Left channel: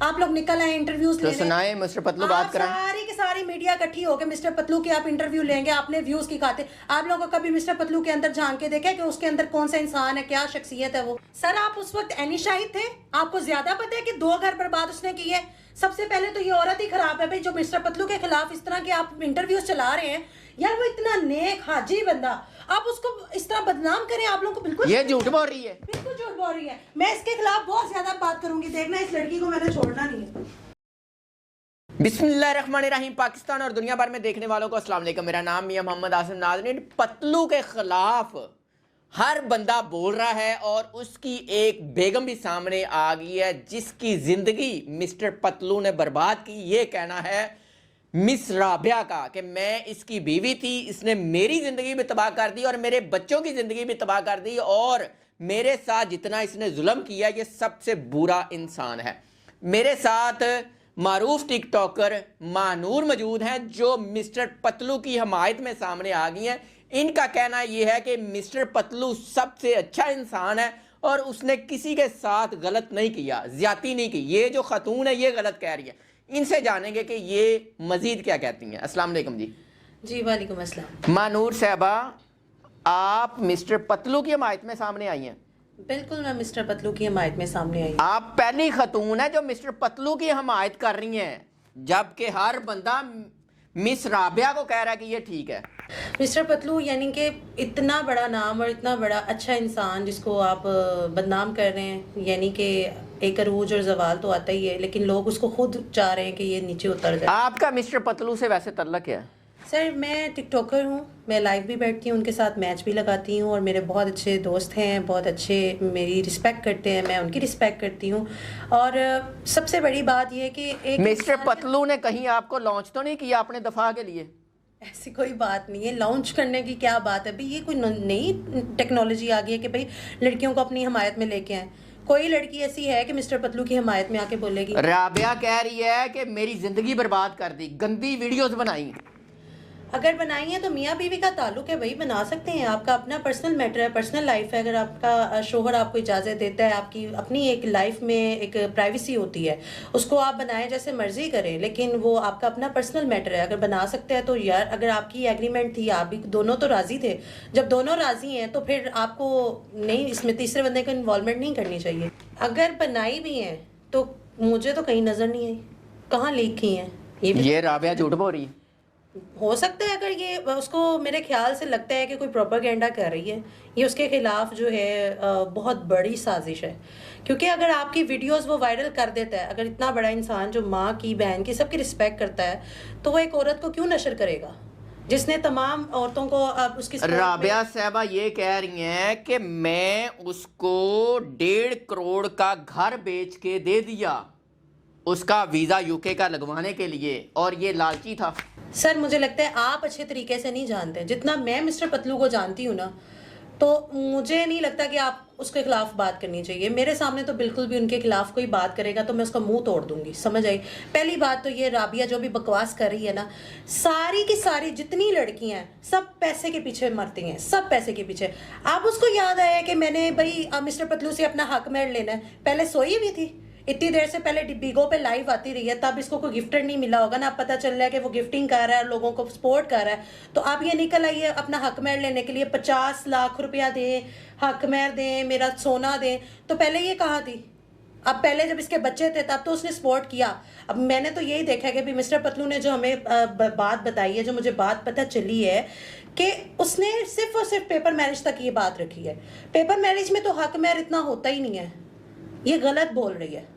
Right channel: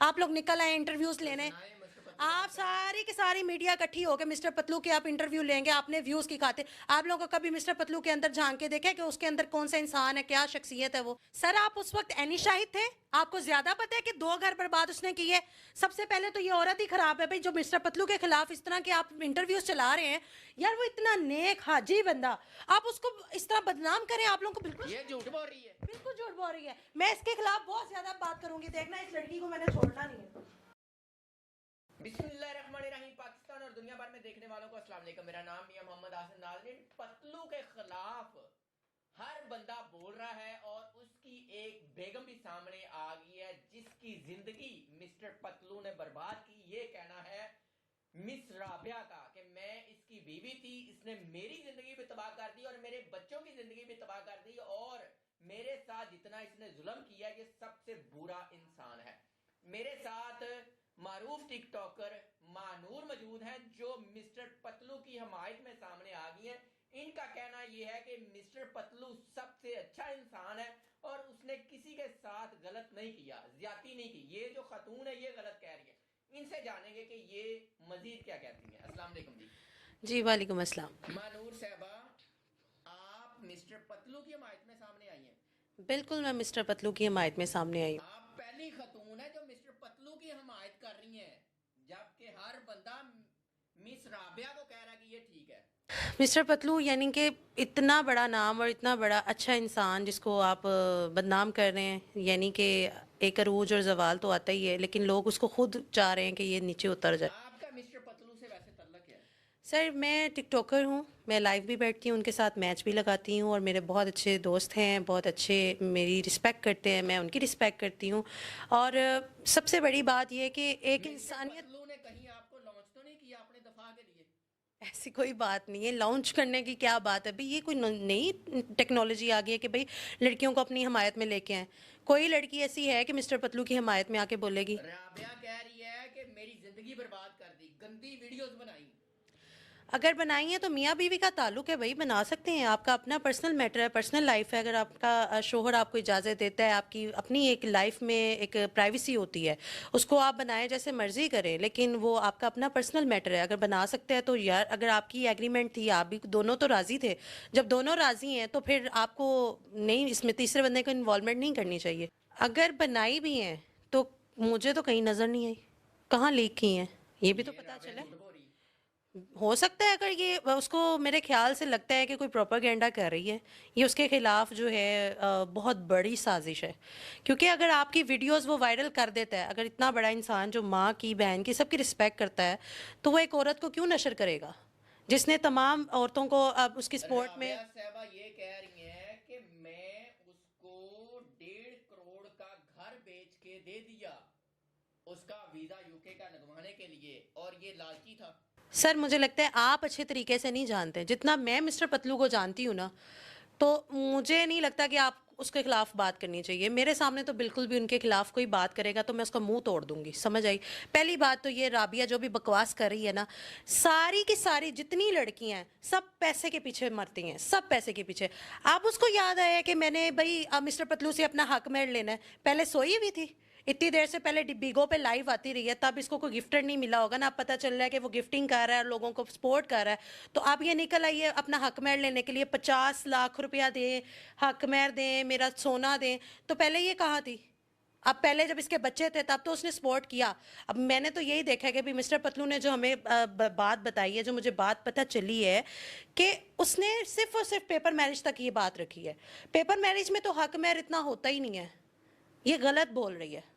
आप लोग निकल आए इंटरव्यूज तो लेने। सुनाए मिस्टर पतलू बात कराएं। सारी की सारी मीडिया इकट्ठी होकर मिस्टर पतलू के आप इंटरव्यू लेंगे, आपने व्यूज की खाते। आप लोगों को कभी मिस्टर पतलू के अंदर झांक के देखा कि उसके अंदर कौन सा इंसान है, क्या शख्सियत है वो? सर आप उस वक्त एनिशाहिद थे, आपको ज्यादा पता है कि 2 घर बर्बाद उसने किए। सबसे पहले तो ये औरत ही खराब है भाई, जो मिस्टर पतलू के खिलाफ इस तरह के आप इंटरव्यूज चला रहे हैं। यार वो इतना नेक हाजी बंदा, आप उसको इस तरह बदनाम करें, आप लोगों को बिल्कुल ये झूठ बोल रही है, बिल्कुल झूठ बोल रही है। मैं इसके खिलाफ बहुत ज्यादा बात करूंगी, देखना इस लड़की को मैंने छोड़ना नहीं है। बिस्मिल्लाहिर्रहमानिर्रहीम। पाकिस्तान और दुनिया भर में देखने वालों को अस्सलाम वालेकुम। मेरा नाम मियां मोहम्मद आसिम। नाज़रीन, पतलू के खिलाफ हर बंदा बोल रहा है और उसकी एक बेगम भी सामने आ गई है जिसकी जिंदगी मिस्टर पतलू ने बर्बाद की। ये कहना है मिस राबिया का कि मैं इसकी बीवी थी, इसने मेरी ज़िंदगी भी तबाह कर दी और मेरे बच्चों की ज़िंदगी भी तबाह कर दी, और मेरे साथ जितना इसने जुल्म किया ये सबसे बुरा इंसान है। मेरे साथ मारूफ टिकटॉकर मानूर मौजूद हैं जो मिस्टर पतलू की हमायत में सामने आ गई हैं। इनका कहना यह है कि मिस्टर पतलू सबसे अच्छा इंसान है और उसने किसी के साथ गलत नहीं किया, ज्यादती नहीं की। ये जो खातून है ये गलत कह रही है। इनसे जानेंगे कि ये मजीद क्या कहती हैं। अस्सलाम वालेकुम जी। जी वालेकुम अस्सलाम। मानूर साहबा, आप मिस्टर पतलू की हमायत में सामने आई हैं। बिल्कुल मैं मिस्टर पतलू की हमायत में सामने आई। आप पहली खतून है जो मिस्टर पतलू की हमायत कर रही हैं, जबकि हर बंदा मिस राबिया को कह रहा है कि ये ठीक है। मिस्टर पतलू यानी कि इतना बड़ा नाम और इतना बड़ा अच्छा इंसान जिसको आप बदनाम कर रहे हैं, यानी कि एक अरूज और जवाल तो आता ही है, लेकिन लोग उसको खुद चाह रहे हैं कि ये नीचे उतर जाए। आपका मिस्टर पतलू से वैसे तल्लक है? सर मैं टिकटॉकर हूँ, मैं लाइव भी बैठती हूँ, उनके साथ मैच भी लगाती हूँ और मेरे बहुत अच्छे दोस्त हैं, बहुत अच्छे मेरी रिस्पेक्ट करते हैं, मैं उनकी रिस्पेक्ट करती हूँ। और सबसे बड़ी बात यह है कि एक मिस्टर पतलू ने कहीं आपको लॉन्च तो नहीं किया अपने दफा के लिए? ऐसी कोई बात नहीं है, लॉन्च करने की क्या बात है भाई, ये कोई नई टेक्नोलॉजी आ गई है कि भाई लड़कियों को अपनी हमायत में लेके आए। कोई लड़की ऐसी है कि मिस्टर पतलू की हमायत में आके बोलेगी? राबिया कह रही है कि मेरी जिंदगी बर्बाद कर दी, गंदी वीडियोस बनाई। अगर बनाई है तो मियाँ बीवी का ताल्लुक है, वही बना सकते हैं। आपका अपना पर्सनल मैटर है, पर्सनल लाइफ है। अगर आपका शोहर आपको इजाज़त देता है, आपकी अपनी एक लाइफ में एक प्राइवेसी होती है, उसको आप बनाएं जैसे मर्जी करें, लेकिन वो आपका अपना पर्सनल मैटर है। अगर बना सकते हैं तो यार, अगर आपकी एग्रीमेंट थी, आप भी दोनों तो राज़ी थे, जब दोनों राज़ी हैं तो फिर आपको नहीं इसमें तीसरे बंदे को इन्वॉल्वमेंट नहीं करनी चाहिए। अगर बनाई भी हैं तो मुझे तो कहीं नज़र नहीं आई, कहाँ लीक की हैं ये राबिया झूठ बोल रही है। हो सकता है अगर ये उसको, मेरे ख्याल से लगता है कि कोई प्रोपेगेंडा कर रही है, ये उसके खिलाफ जो है बहुत बड़ी साजिश है। क्योंकि अगर आपकी वीडियोस वो वायरल कर देता है, अगर इतना बड़ा इंसान जो माँ की, बहन की, सबकी रिस्पेक्ट करता है, तो वो एक औरत को क्यों नशर करेगा जिसने तमाम औरतों को अब उसकी राबिया साहबा ये कह रही हैं कि मैं उसको 1.5 करोड़ का घर बेच के दे दिया उसका वीजा यूके का लगवाने के लिए, और ये लालची था। सर मुझे लगता है आप अच्छे तरीके से नहीं जानते। जितना मैं मिस्टर पतलू को जानती हूँ ना, तो मुझे नहीं लगता कि आप उसके खिलाफ बात करनी चाहिए। मेरे सामने तो बिल्कुल भी उनके खिलाफ कोई बात करेगा तो मैं उसका मुंह तोड़ दूंगी, समझ आई? पहली बात तो ये राबिया जो भी बकवास कर रही है ना, सारी की सारी जितनी लड़कियां हैं सब पैसे के पीछे मरती हैं, सब पैसे के पीछे। अब उसको याद आया कि मैंने भाई मिस्टर पतलू से अपना हक मेड़ लेना है। पहले सोई हुई थी इतनी देर से, पहले बिगो पे लाइव आती रही है, तब इसको कोई गिफ्टर नहीं मिला होगा ना। अब पता चल रहा है कि वो गिफ्टिंग कर रहा है, लोगों को सपोर्ट कर रहा है, तो आप ये निकल आइए अपना हक मेहर लेने के लिए 50 लाख रुपया दें, हक मेहर दें, मेरा सोना दें। तो पहले ये कहाँ थी? अब पहले जब इसके बच्चे थे तब तो उसने सपोर्ट किया। अब मैंने तो यही देखा कि भी मिस्टर पतलू ने जो हमें बात बताई है, जो मुझे बात पता चली है कि उसने सिर्फ और सिर्फ पेपर मैरिज तक ये बात रखी है। पेपर मैरिज में तो हक मेहर इतना होता ही नहीं है, ये गलत बोल रही है।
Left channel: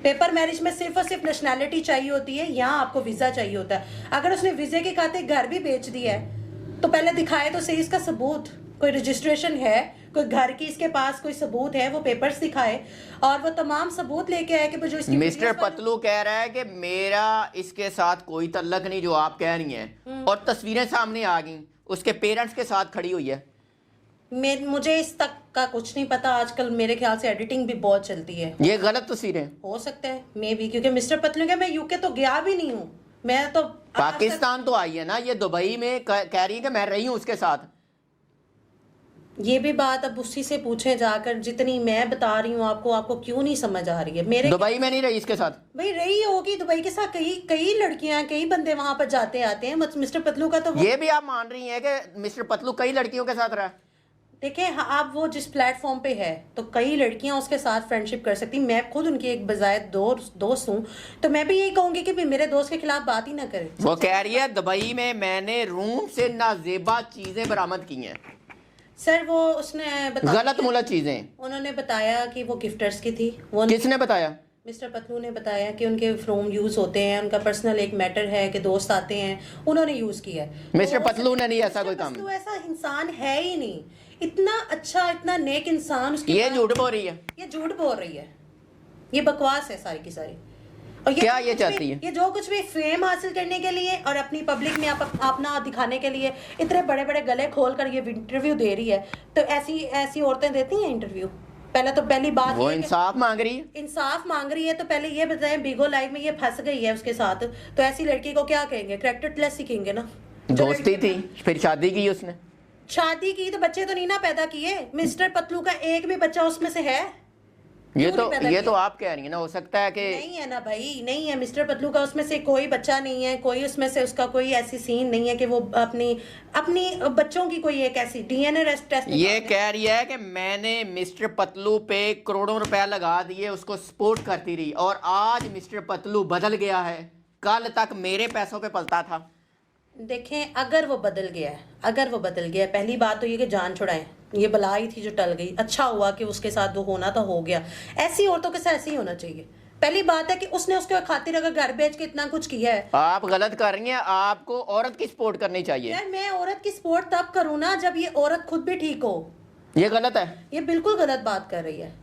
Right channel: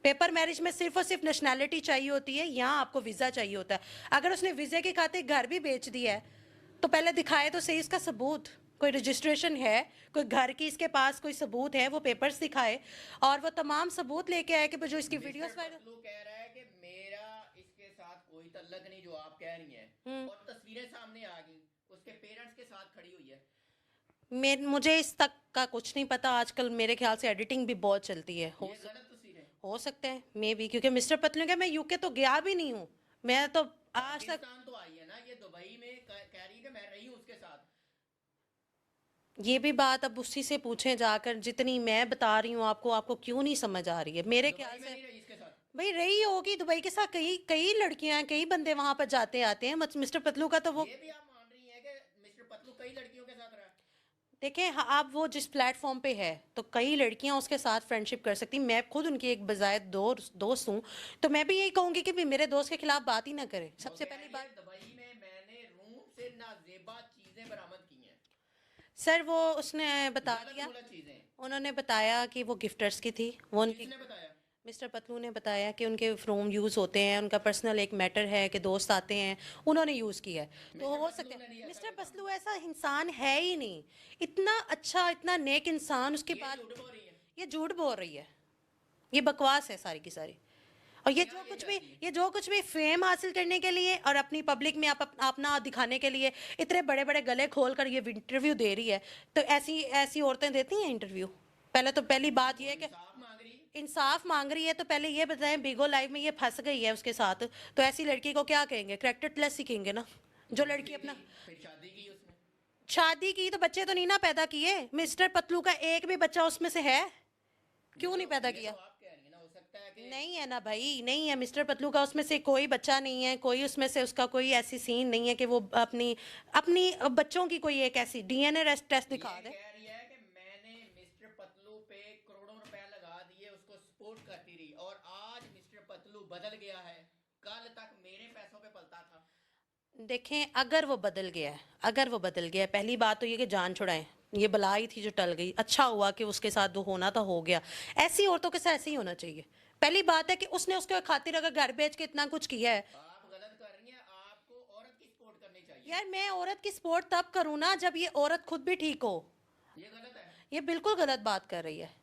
पेपर मैरिज में सिर्फ और सिर्फ नेशनैलिटी चाहिए होती है, यहाँ आपको वीजा चाहिए होता है। अगर उसने वीजे के खाते घर भी बेच दिया है तो पहले दिखाए तो सही इसका सबूत, कोई रजिस्ट्रेशन है, कोई घर की इसके पास कोई सबूत है, वो पेपर्स दिखाए और वो तमाम सबूत लेके आए कि जो इसकी मिस्टर पतलू कह रहा है कि मेरा इसके साथ कोई तल्लक नहीं जो आप कह रही हैं, और तस्वीरें सामने आ गई, उसके पेरेंट्स के साथ खड़ी हुई है। मुझे इस तक का कुछ नहीं पता। आजकल मेरे ख्याल से एडिटिंग भी बहुत चलती है, ये गलत तस्वीरें हो सकता है मे भी, क्योंकि मिस्टर पतलू का मैं यूके तो गया भी नहीं हूँ, मैं तो पाकिस्तान तो आई है ना, ये दुबई में कह रही है कि मैं रही हूँ उसके साथ। ये भी बात अब उसी से पूछें जाकर, जितनी मैं बता रही हूँ आपको, आपको क्यों नहीं समझ आ रही है? मेरे दुबई में नहीं रही इसके साथ? भाई रही होगी दुबई के साथ, कई कई लड़कियां, कई बंदे वहां पर जाते आते हैं। मिस्टर पतलू का तो ये भी आप मान रही हैं कि मिस्टर पतलू कई लड़कियों के साथ रहा? देखें, हाँ, आप वो जिस प्लेटफॉर्म पे है तो कई लड़कियां उसके साथ फ्रेंडशिप कर सकती। मैं खुद उनकी एक बजाय दोस्त हूँ, तो मैं भी यही कहूंगी कि मेरे दोस्त के खिलाफ बात ही ना करें। वो कह रही है दुबई में मैंने रूम से नाजेबा चीजें बरामद की हैं। सर वो उसने बताया, गलत मुलत चीजें उन्होंने बताया कि वो गिफ्टर्स की थी। वो किसने बताया? मिस्टर पतलू ने बताया कि उनके रूम यूज़ होते हैं, उनका पर्सनल एक मैटर है कि दोस्त आते हैं, उन्होंने यूज़ किया है। मिस्टर तो पतलू ने नहीं ऐसा कोई काम। पतलू ऐसा इंसान है ही नहीं, इतना अच्छा, इतना नेक इंसान। उसके ये झूठ बोल रही है, ये झूठ बोल रही है, ये बकवास है सारी की सारी। और क्या जो ये कुछ चाहती भी, है? ये जो कुछ भी फेम हासिल करने के लिए और अपनी पब्लिक में अपना दिखाने के लिए इतने बड़े बड़े गले खोल कर ये इंटरव्यू दे रही है। तो ऐसी ऐसी औरतें देती हैं इंटरव्यू? पहली बात वो ये है कि इंसाफ मांग रही है। इंसाफ मांग रही है, तो पहले ये बताएं, बिगो लाइफ में ये फंस गई है उसके साथ, तो ऐसी लड़की को क्या कहेंगे? कैरेक्टरलेस सीखेंगे ना। जो दोस्ती लड़की थी, फिर शादी की उसने। शादी की तो बच्चे तो नहीं ना पैदा किए। मिस्टर पतलू का एक भी बच्चा उसमें से है? ये क्यों नहीं पैदा तो किया? आप कह रही है ना, हो सकता है कि नहीं है ना भाई, नहीं है। मिस्टर पतलू का उसमें से कोई बच्चा नहीं है, कोई उसमें से उसका कोई ऐसी सीन नहीं है कि वो अपनी अपनी बच्चों की कोई एक ऐसी डीएनए टेस्ट ये कह रही है कि मैंने मिस्टर पतलू पे करोड़ों रुपया लगा दिए, उसको सपोर्ट करती रही, और आज मिस्टर पतलू बदल गया है, कल तक मेरे पैसों पे पलता था। देखें, अगर वो बदल गया है, अगर वो बदल गया है, पहली बात तो ये कि जान छुड़ाएं, ये बलाई थी जो टल गई। अच्छा हुआ कि उसके साथ वो होना तो हो गया। ऐसी औरतों के साथ ऐसे ही होना चाहिए। पहली बात है कि उसने उसके खातिर अगर घर बेच के इतना कुछ किया है। आप गलत कर रही हैं, आपको औरत की सपोर्ट करनी चाहिए। यार मैं औरत की सपोर्ट तब करूँ ना जब ये औरत खुद भी ठीक हो। ये गलत है। ये बिल्कुल गलत बात कर रही है,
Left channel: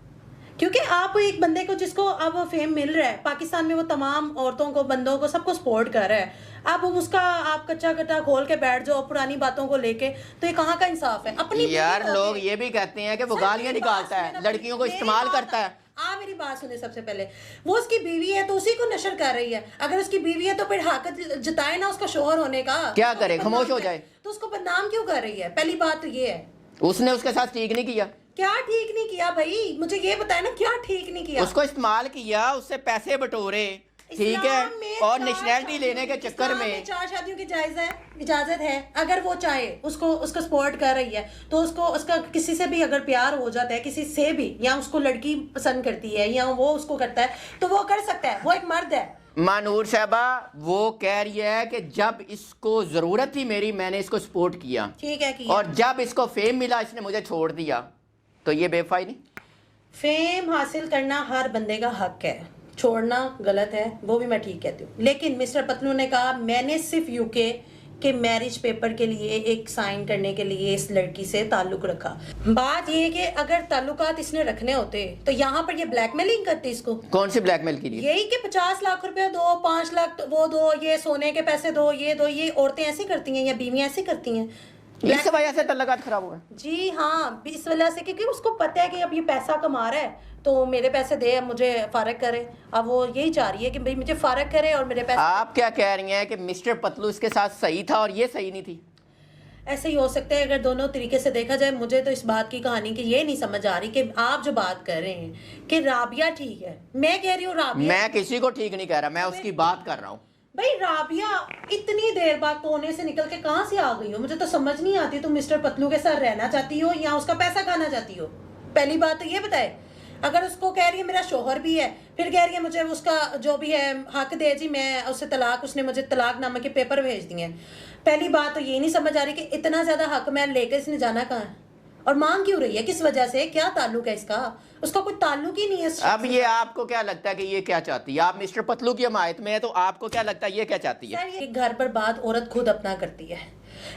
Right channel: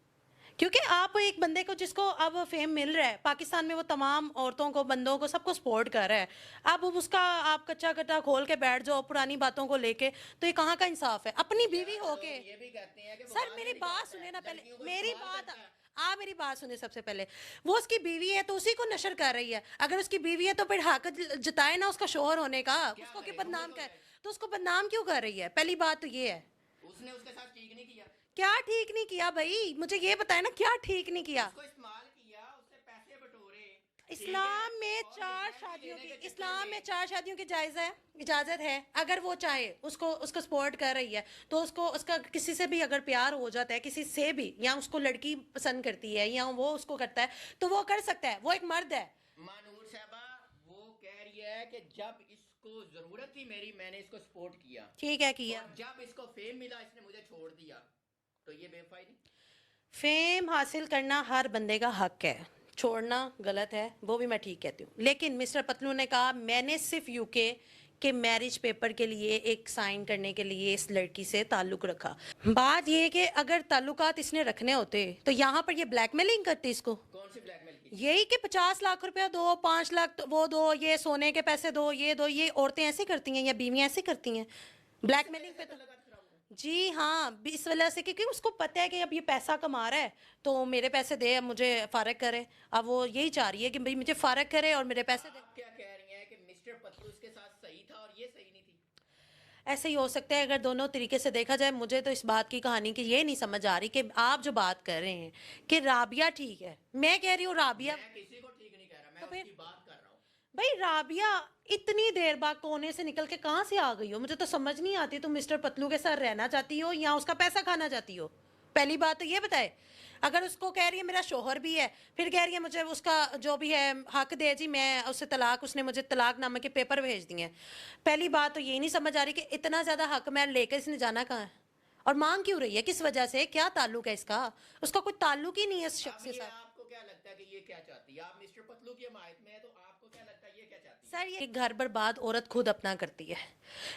क्योंकि आप एक बंदे को जिसको अब फेम मिल रहा है पाकिस्तान में, वो तमाम औरतों को, बंदों को, सबको सपोर्ट कर रहा है। अब उसका आप कच्चा कट्टा खोल के बैठ जाओ पुरानी बातों को लेके, तो ये कहाँ का इंसाफ है? अपनी यार लोग ये भी कहते हैं कि वो गालियां निकालता है, लड़कियों को इस्तेमाल करता है। मेरी बात सुने। सबसे पहले वो उसकी बीवी है तो उसी को नशर कर रही है। अगर उसकी बीवी है तो फिर हक जताए ना उसका शोहर होने का। क्या करे, खामोश हो जाए? तो उसको बदनाम क्यों कर रही है? पहली बात तो ये है। उसने उसके साथ ठीक नहीं किया। क्या ठीक नहीं किया भाई? मुझे ये बताए ना, क्या ठीक नहीं किया? उसको इस्तेमाल किया, उससे पैसे बटोरे, ठीक है, और नेशनैलिटी लेने के चक्कर में 4 शादियों की इजाजत है। अगर वो चाहे, उसको सपोर्ट कर रही है, तो उसका किसी से भी अगर प्यार हो जाता है, किसी से भी, या उसको लड़की पसंद करती है या वो उसको करता है, तो वो कर सकता है। वो एक मर्द है। मानूर साहबा वो कह रही है कि जब इसको जरूरत थी मेरी, मैंने इसको सपोर्ट किया, ठीक है किया। और जब इसको फेम मिला इसने मुझे छोड़ दिया, तो ये बेवफाई नहीं? फेम हासिल करना हर बंदे का हक है, छोड़ना गलत है, वो भी मैं ठीक कहती हूँ। लेकिन मिस्टर पतलू ने कहा मैंने सिर्फ यूके के मैरिज पेपर के लिए एक साइन करने के लिए इस लड़की से ताल्लुक रखा। बात ये है कि अगर ताल्लुकात इसने रखने होते तो यहाँ पर ये ब्लैकमेलिंग करती इसको। कौन सी ब्लैकमेल की? यही कि 50 लाख रुपया दो, 5 लाख वो दो, ये सोने के पैसे दो, ये दो। ये औरतें ऐसी करती हैं या बीवियां ऐसी करती हैं। इस वजह से तल्लुकात खराब हो गए। जी हाँ, इस वजह से, क्योंकि उसको पता है कि अब ये पैसा कमा रहा है तो मेरे पैसे दे, मुझे फारग करे। अब वो यही चाह रही है कि भाई मुझे फारग करे और मेरे पैसे। आप क्या कह रही हैं कि मिस्टर पतलू इसके साथ सही था और ये सही नहीं थी? ऐसे ही हो सकता है अगर दोनों तरीके से देखा जाए। मुझे तो इस बात की कहानी की ये नहीं समझ आ रही कि आप जो बात कर रहे हैं कि राबिया ठीक है, मैं कह रही हूँ राबिया। मैं किसी को ठीक नहीं कह रहा, मैं उसकी बात कर रहा हूँ। भाई राबिया इतनी देर बाद कोने से निकल के कहाँ से आ गई हो? मुझे तो समझ नहीं आती। तुम मिस्टर पतलू के साथ रहना चाहती हो या उसका पैसा खाना चाहती हो? पहली बात तो ये बताए। अगर उसको कह रही है मेरा शोहर भी है, फिर कह रही है मुझे उसका जो भी है हक दे जी, मैं उससे तलाक, उसने मुझे तलाकनामे के पेपर भेज दिए। पहली बात तो ये नहीं समझ आ रही कि इतना ज्यादा हक मैं लेकर इसने जाना कहाँ है और मांग क्यों रही है, किस वजह से, क्या ताल्लुक है इसका? उसका कोई ताल्लुक ही नहीं है। अब ये आपको क्या लगता है कि ये क्या चाहती है? आप मिस्टर पतलू की हमायत में है, तो आपको क्या लगता है ये क्या चाहती है? सर, ये घर पर बात औरत खुद अपना करती है।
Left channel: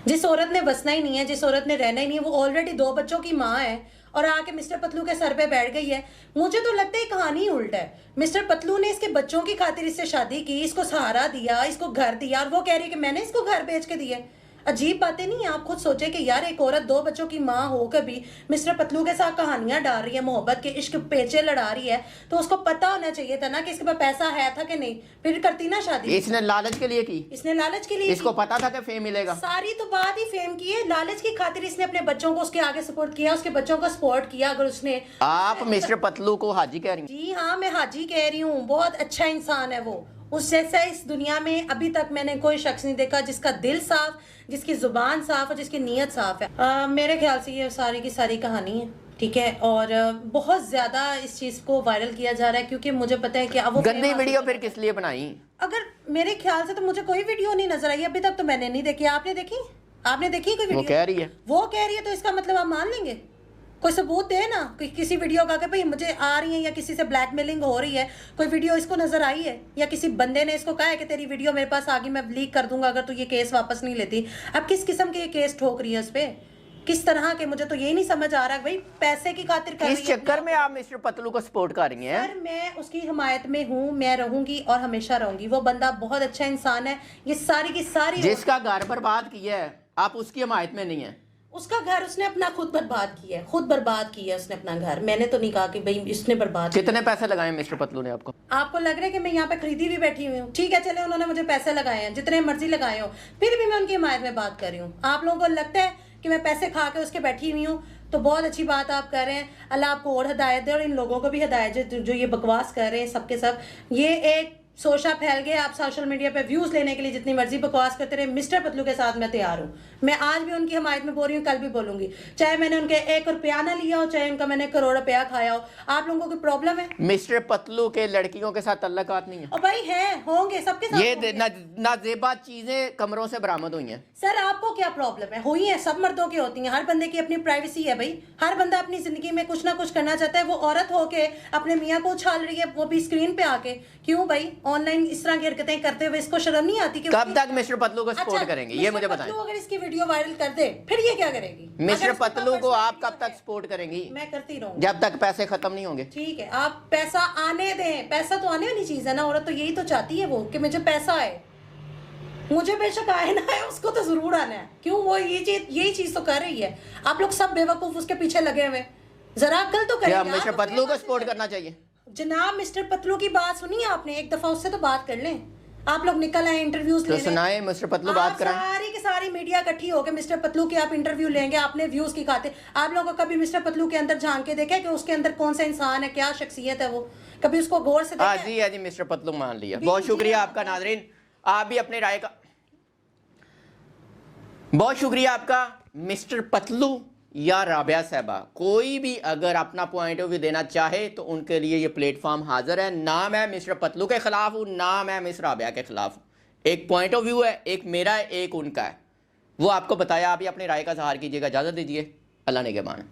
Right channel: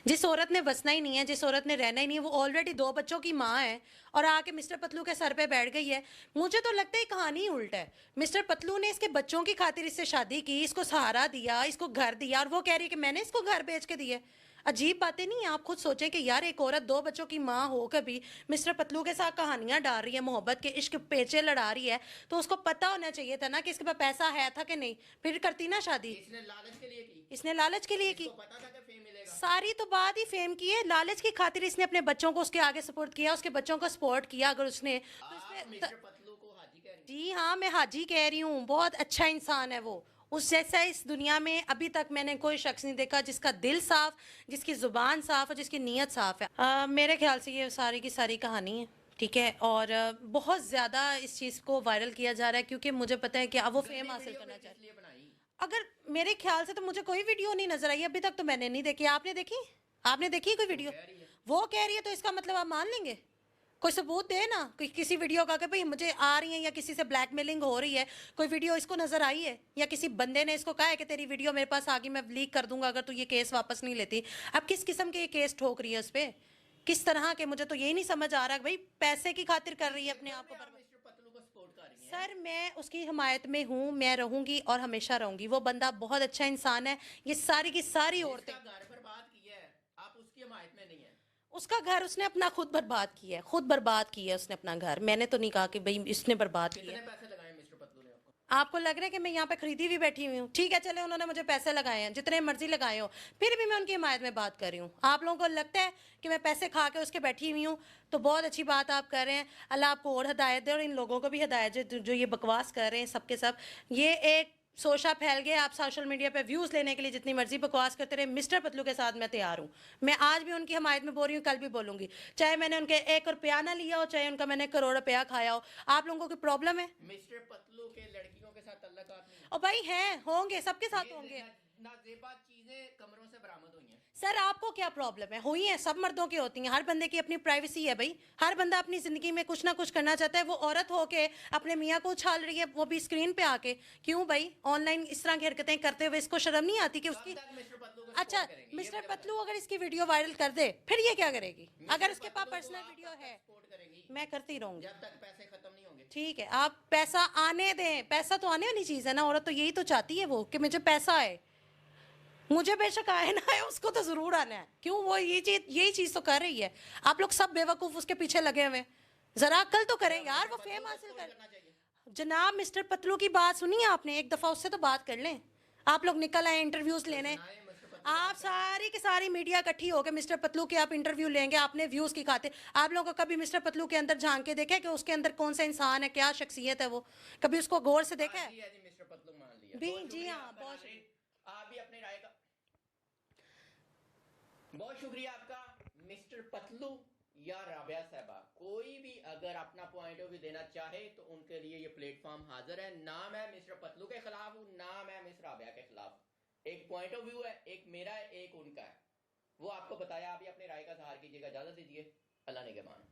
जिस औरत ने बसना ही नहीं है, जिस औरत ने रहना ही नहीं है, वो ऑलरेडी 2 बच्चों की माँ है और आके मिस्टर पतलू के सर पे बैठ गई है। मुझे तो लगता है कहानी ही उल्टा है। मिस्टर पतलू ने इसके बच्चों की खातिर इससे शादी की, इसको सहारा दिया, इसको घर दिया, और वो कह रही है कि मैंने इसको घर बेच के दिया। अजीब बातें नहीं है। आप खुद सोचें कि यार एक औरत 2 बच्चों की माँ होकर भी मिस्टर पतलू के साथ कहानियां डाल रही है, मोहब्बत के इश्क पेचे लड़ा रही है, तो उसको पता होना चाहिए था ना कि इसके पास पैसा है था कि नहीं, फिर करती ना शादी। इसने लालच के लिए की, इसने लालच के लिए इसको की। पता था कि फेम मिलेगा। सारी तो बात ही फेम की है। लालच की खातिर इसने अपने बच्चों को उसके आगे सपोर्ट किया, उसके बच्चों को सपोर्ट किया। अगर उसने आप मिस्टर पतलू को हाजी कह रही हैं? जी हाँ, मैं हाजी कह रही हूँ। बहुत अच्छा इंसान है वो। उस जैसा इस दुनिया में अभी तक मैंने कोई शख्स नहीं देखा जिसका दिल साफ, जिसकी जुबान साफ और जिसकी नीयत साफ है। मेरे ख्याल से ये सारी की सारी कहानी है, ठीक है। और बहुत ज्यादा इस चीज को वायरल किया जा रहा है क्योंकि मुझे पता है कि अब वो गंदी वीडियो फिर किस लिए बनाई? अगर मेरे ख्याल से तो मुझे कोई वीडियो नहीं नजर आई अभी तक, तो मैंने नहीं देखी। आपने देखी? आपने देखी कोई वीडियो? वो कह रही है, वो कह रही है तो इसका मतलब आप मान लेंगे? कोई सबूत दे ना, कोई किसी वीडियो का कि भाई मुझे आ रही है या किसी से ब्लैकमेलिंग हो रही है, कोई वीडियो इसको नजर आई है या किसी बंदे ने इसको कहा है कि तेरी वीडियो मेरे पास आ गई, मैं लीक कर दूंगा अगर तू ये केस वापस नहीं लेती। अब किस किस्म के ये केस ठोक रही है उस पर, किस तरह के? मुझे तो यही नहीं समझ आ रहा भाई, पैसे की खातिर कर इस रही है। चक्कर में आप मिस्टर पतलू को सपोर्ट कर रही हैं? सर मैं उसकी हिमायत में हूँ, मैं रहूंगी और हमेशा रहूंगी। वो बंदा बहुत अच्छा इंसान है। ये सारी की सारी जिसका घर बर्बाद किया है, आप उसकी हिमायत में नहीं है? उसका घर उसने अपना खुद बर्बाद किया है, खुद बर्बाद किया है उसने अपना घर। मैंने तो नहीं कहा कि भाई इसने बर्बाद किया। कितने पैसे लगाए मिस्टर पतलू ने आपको? आपको लग रहा है कि मैं यहाँ पे खरीदी हुई बैठी हुई हूँ? ठीक है, चले उन्होंने मुझे पैसे लगाए हैं, जितने मर्जी लगाए हो, फिर भी मैं उनकी हिमायत में बात कर रही हूँ। आप लोगों को लगता है कि मैं पैसे खा के उसके बैठी हुई हूँ, तो बहुत अच्छी बात आप कर रहे हैं। अल्लाह आपको और हिदायत दे और इन लोगों को भी हिदायत दे जो ये बकवास कर रहे हैं। सबके सब ये एक सोशा फैल गए। आप सोशल मीडिया पे व्यूज लेने के लिए जितनी मर्जी बकवास करते रहे। मिस्टर पतलू के साथ मैं तैयार हूँ। मैं आज भी उनकी हिमायत में बोल रही हूँ, कल भी बोलूंगी, चाहे मैंने उनके 1 रुपया ना लिया हो, चाहे उनका मैंने 1 करोड़ रुपया खाया हो। आप लोगों को प्रॉब्लम है? मिस्टर पतलू के लड़कियों के साथ तल्लुकात नहीं है? और भाई हैं, होंगे, सबके साथ ये होंगे। नाजेबा चीजें कमरों से बरामद हुई हैं। सर आपको क्या प्रॉब्लम है? हुई है, सब मर्दों की होती हैं। हर बंदे की अपनी प्राइवेसी है भाई। हर बंदा अपनी जिंदगी में कुछ ना कुछ करना चाहता है। वो औरत होके अपने मियाँ को उछाल रही है, वो भी स्क्रीन पे आके। क्यों भाई? ऑनलाइन इस तरह की हरकतें करते हुए इसको शर्म नहीं आती कि कब तक मिस्टर पतलू को सपोर्ट करेंगे, ये मुझे बताएं। अगर इसकी वीडियो वायरल कर दे फिर ये क्या करेगी? मिस्टर अगर इसके पतलू पास को आप वीडियो कब तक है, सपोर्ट करेंगी? मैं करती रहूंगी जब तक पैसे खत्म नहीं होंगे। ठीक है, आप पैसा आने दें। पैसा तो आने वाली चीज है ना, औरत तो यही तो चाहती है वो कि मुझे पैसा आए। मुझे बेशक आए ना आए, उसको तो जरूर आना है। क्यों? वो यही चीज तो कर रही है। आप लोग सब बेवकूफ उसके पीछे लगे हुए। जरा अक्ल तो करें क्या यार। मिस्टर पतलू को सपोर्ट करना चाहिए? जनाब मिस्टर पतलू की बात सुनिए आपने, एक दफा उससे तो बात कर लें। आप लोग निकल आए इंटरव्यूज तो लेने। सुनाए मिस्टर पतलू बात आप कराएं। सारी की सारी मीडिया इकट्ठी होकर मिस्टर पतलू के आप इंटरव्यू लेंगे आपने व्यूज की खातिर। आप लोगों को कभी मिस्टर पतलू के अंदर झांक के देखा कि उसके अंदर कौन सा इंसान है, क्या शख्सियत है वो? कभी उसको गौर से देखा? जी है जी, मिस्टर पतलू मान लिया। बहुत शुक्रिया आपका नाजरीन, आप भी अपने राय का बहुत शुक्रिया आपका। मिस्टर पतलू या राबिया साहबा, कोई भी अगर अपना पॉइंट ऑफ व्यू देना चाहे तो उनके लिए ये प्लेटफॉर्म हाजिर है। ना मैं मिस्टर पतलू के खिलाफ हूँ, ना मैं मिस राबिया के खिलाफ हूँ। एक पॉइंट ऑफ व्यू है, एक मेरा है, एक उनका है। वो आपको बताया, आप ही अपनी राय का इज़हार कीजिएगा। इजाज़त दीजिए, अल्लाह ने के मान।